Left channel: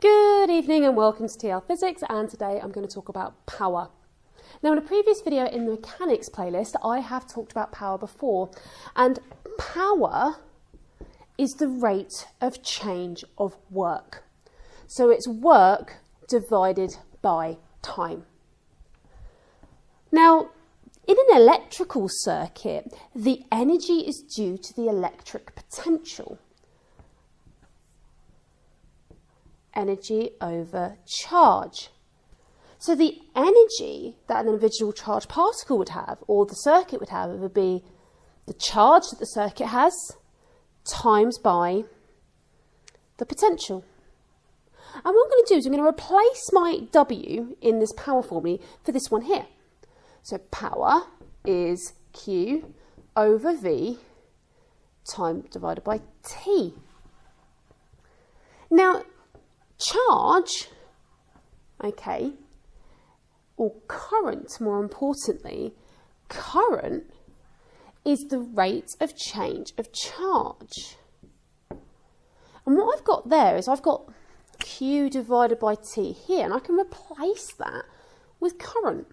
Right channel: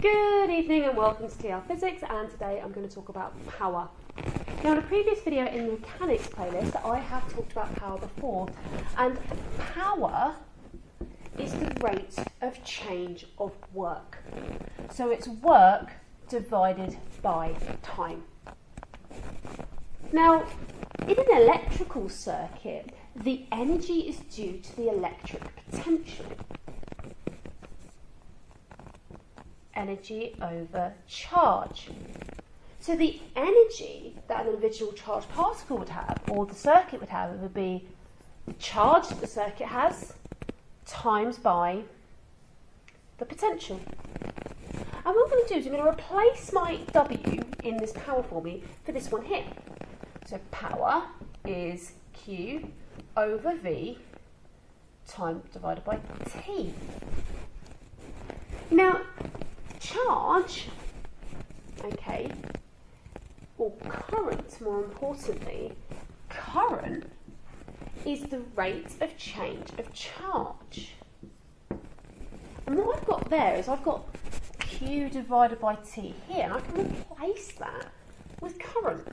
Good evening and welcome to TL Physics, and today I'm going to talk about power. Now, in a previous video in the mechanics playlist, I have talked about power before, and power is the rate of change of work. So it's work divided by time. Now, in an electrical circuit, the energy is due to the electric potential. Energy over charge. So the energy that an individual charged particle would have, or the circuit would have, would be the charge that the circuit has times by the potential. And what I'm going to do is I'm going to replace my W in this power formula for this one here. So power is Q over V time divided by T. Now, charge, okay, or current, more importantly, current is the rate of change of charge. And what I've got there is I've got Q divided by T here, and I can replace that with current.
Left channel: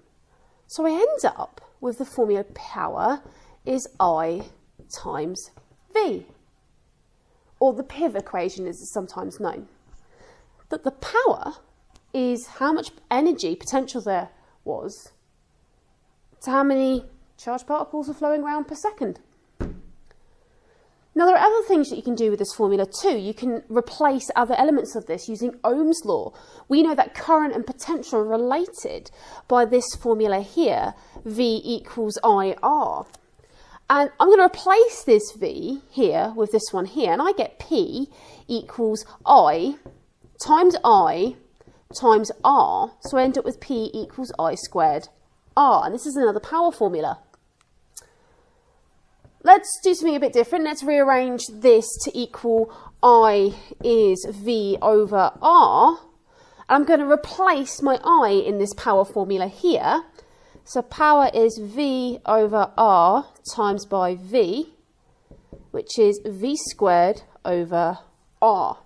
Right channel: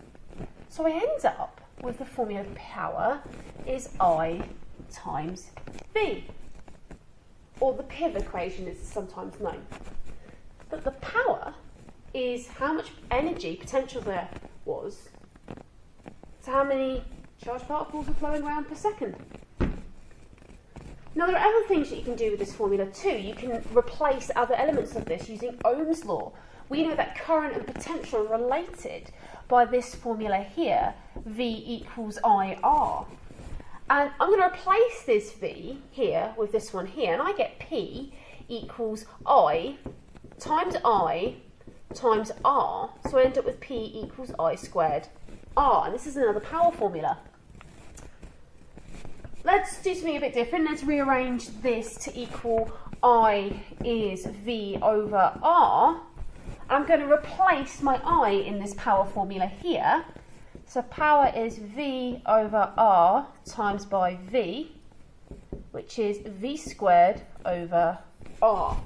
So I end up with the formula power is I times V, or the PIV equation as it's sometimes known. But the power is how much energy potential there was to how many charged particles are flowing around per second. Now, there are other things that you can do with this formula too. You can replace other elements of this using Ohm's law. We know that current and potential are related by this formula here, V equals IR. And I'm going to replace this V here with this one here, and I get P equals I times R, so I end up with P equals I squared R, and this is another power formula. Let's do something a bit different. Let's rearrange this to equal I is V over R. I'm going to replace my I in this power formula here. So power is V over R times by V, which is V squared over R.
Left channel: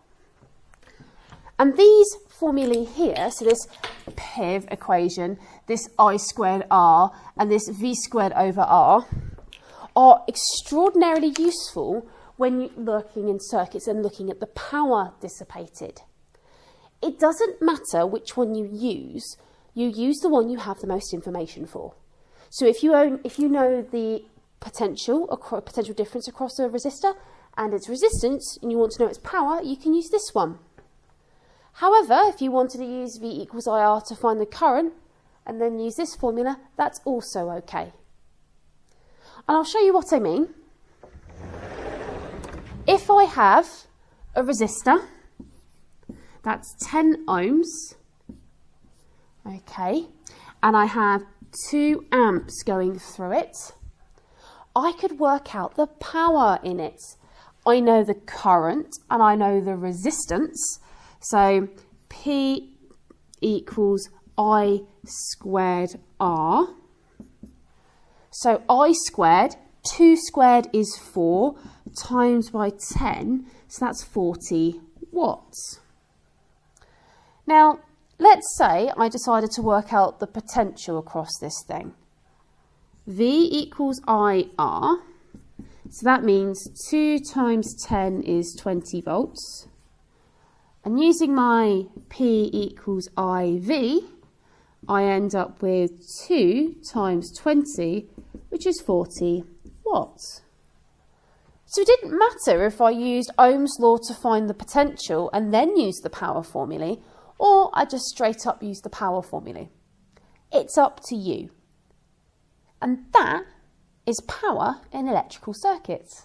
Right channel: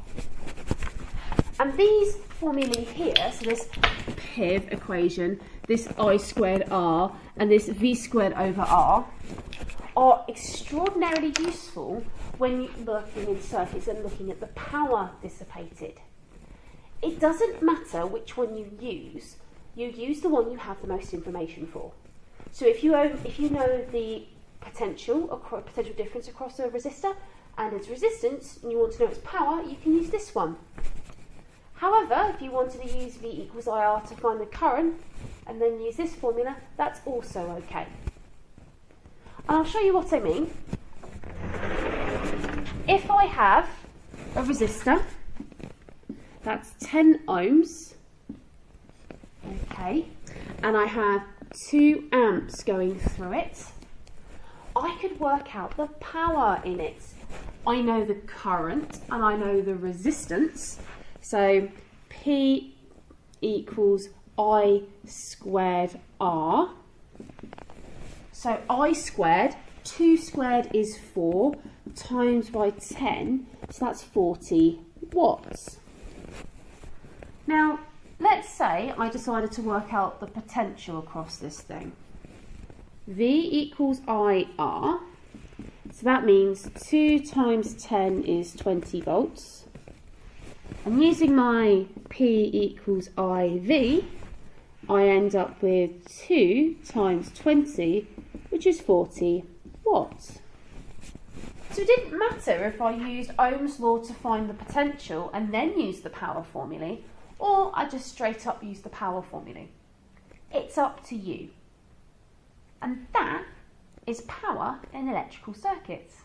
And these formulae here, so this PIV equation, this I squared R, and this V squared over R, are extraordinarily useful when you're looking in circuits and looking at the power dissipated. It doesn't matter which one you use the one you have the most information for. So if you know the potential difference across a resistor and its resistance, and you want to know its power, you can use this one. However, if you wanted to use V equals IR to find the current and then use this formula, that's also okay. And I'll show you what I mean. If I have a resistor, that's 10 ohms, okay, and I have 2 amps going through it, I could work out the power in it. I know the current and I know the resistance. So P equals I squared R. So I squared, 2 squared is 4, times by 10, so that's 40 watts. Now, let's say I decided to work out the potential across this thing. V equals IR, so that means 2 times 10 is 20 volts. And using my P equals IV, I end up with 2 times 20, which is 40 watts. So it didn't matter if I used Ohm's law to find the potential and then used the power formula, or I just straight up used the power formula. It's up to you. And that is power in electrical circuits.